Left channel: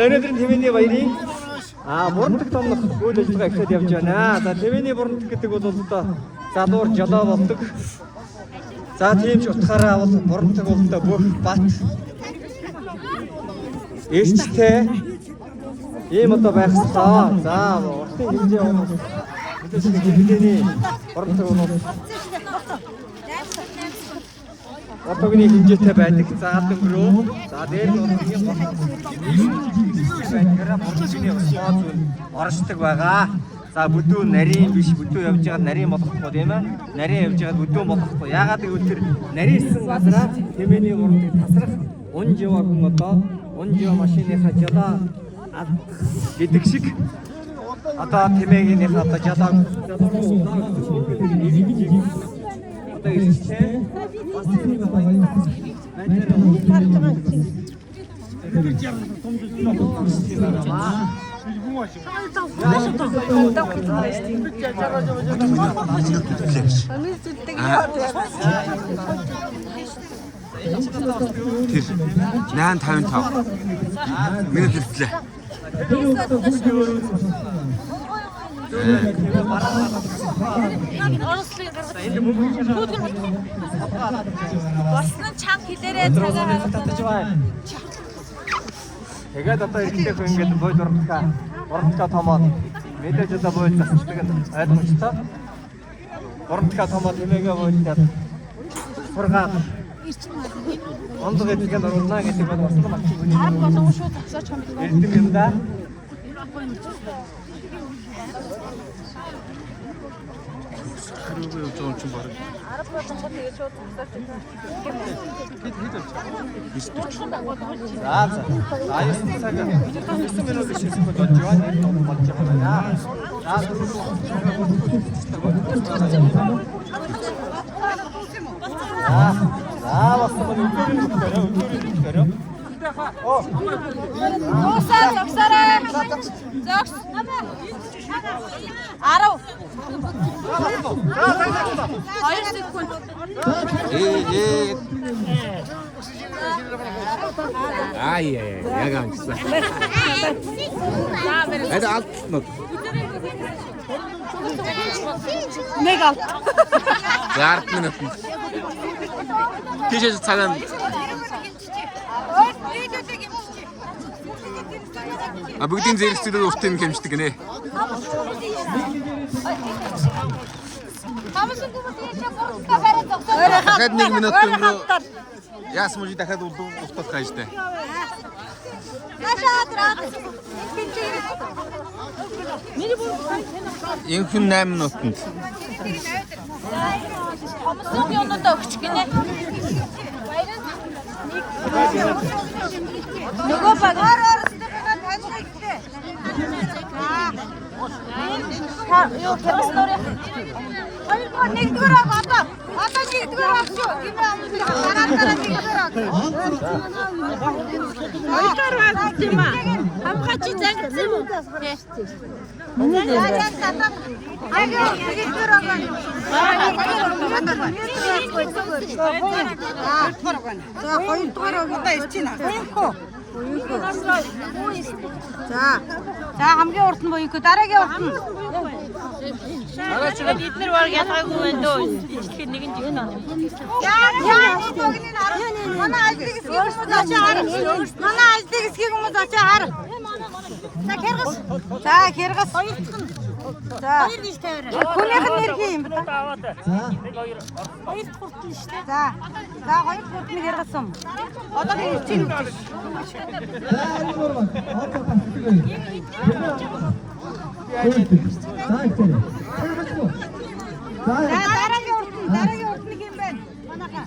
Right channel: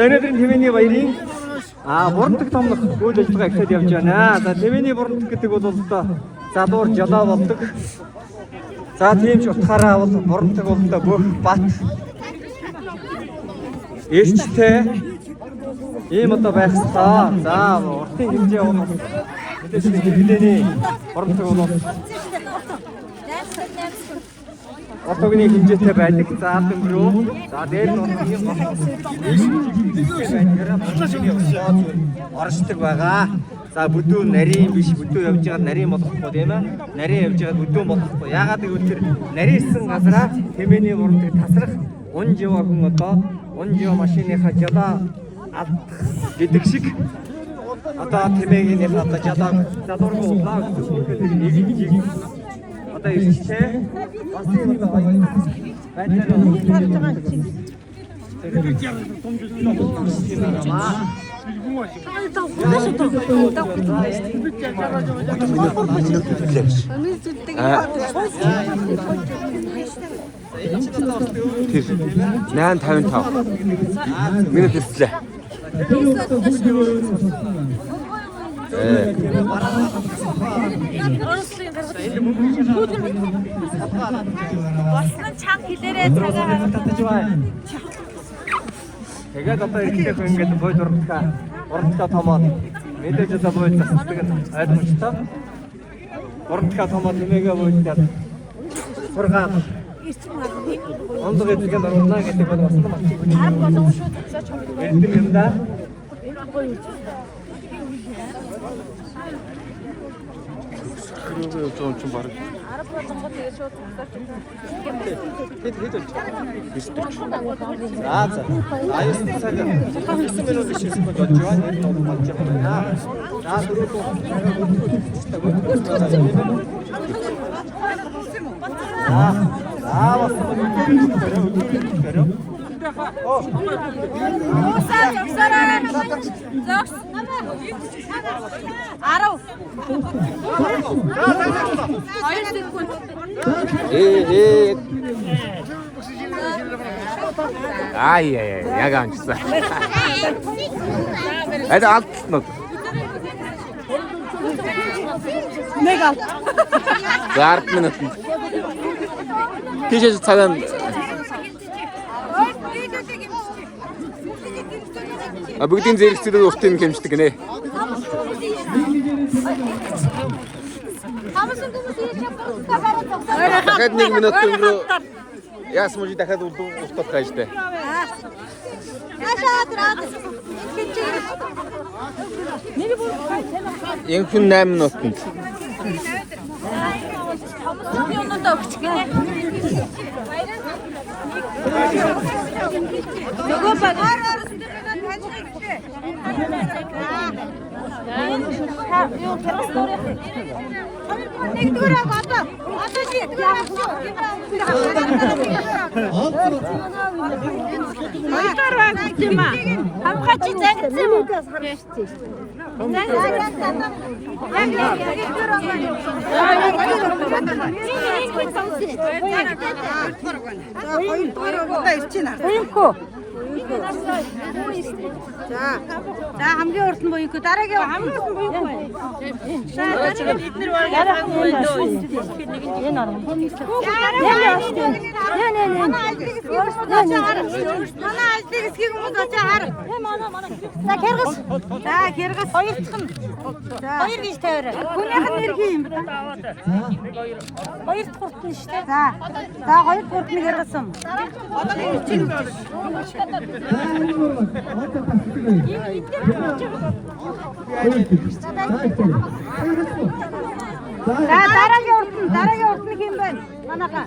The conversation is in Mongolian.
За өнөөдөр Тэмээний баярын бурандаг том үйл ажиллагаа эхлээд явж байна. За Тэмээний бурандаг гэдэг бол одоо залуур жолоо болдог. За тийм ч утгаараа бол бурандаг бол одоо бүх бат ээлжтэй ийм одоо байх хэрэгтэй. За уртын хэмжээ бол мэдээж хэвлэний бурандаг бол Атогны хэмжээтэй байдаг. За атогруу. За дээр оршдог байгаа. За бүдүүн нарийн биш бүдүүн явж байгаа нарийн болохгүй тийм ээ. Нарийн явж байгаа бүдүүн болохгүй. Яагаад гэвэл тэр нарийнсан газараа Тэмээний бурандаг тасрах унж яваа хүн одоо унж яваа машиныхаа жолоо гэдэг шиг одоо Тэмээгийнх одоо жолоор уулаа одоо ийшээ бас юм одоо минут хэллээ. Орсын чанга хэлээрээ цагаар тэгээд одоо ихтэй хүн ингээд бой дурамтаа томоод мэдээж одоо бой засдаг нь ойлгомжтой. Дурамтаа томоод Тэмээгээ бойдод сургаал ондог эдгээр орно гэдэг бол бас юм аа. Эндэн юм да. 그러고요 좀 바로 За. Аюус цаг 9 минут ишсэн болж байгаа. Энэ ном болж байгаа. За дөрөв цагаар бүртгэж яг амжсан. Это алтнод. нэг алт. За 10 минут. Тийш цагаан бүгдийн зэрэгцлүүд уртын хэмждэг гинэ. Дахиад 1 минут өнгөрөө яасан мөч дахиад устгах хайжтай. Энх 8 минутанд. За хамгийн урд нь боёо дараагийн урд нь. Эднэр баг ялгаагүй байна дөө. Ичлэхэд нэг нь он. Манай альдыг эсгийг хүмүүс очоо хар. За хэргас. За хэргас. За хоёр гэж тавиараа. Хүнийх нь нэр хий юм ба. Хоёр дахь урд нь шүү дээ. За хоёр дахь урд нь хэргас юм. Одоо чинь дараагийн урд нь юм байна. Манайхаа.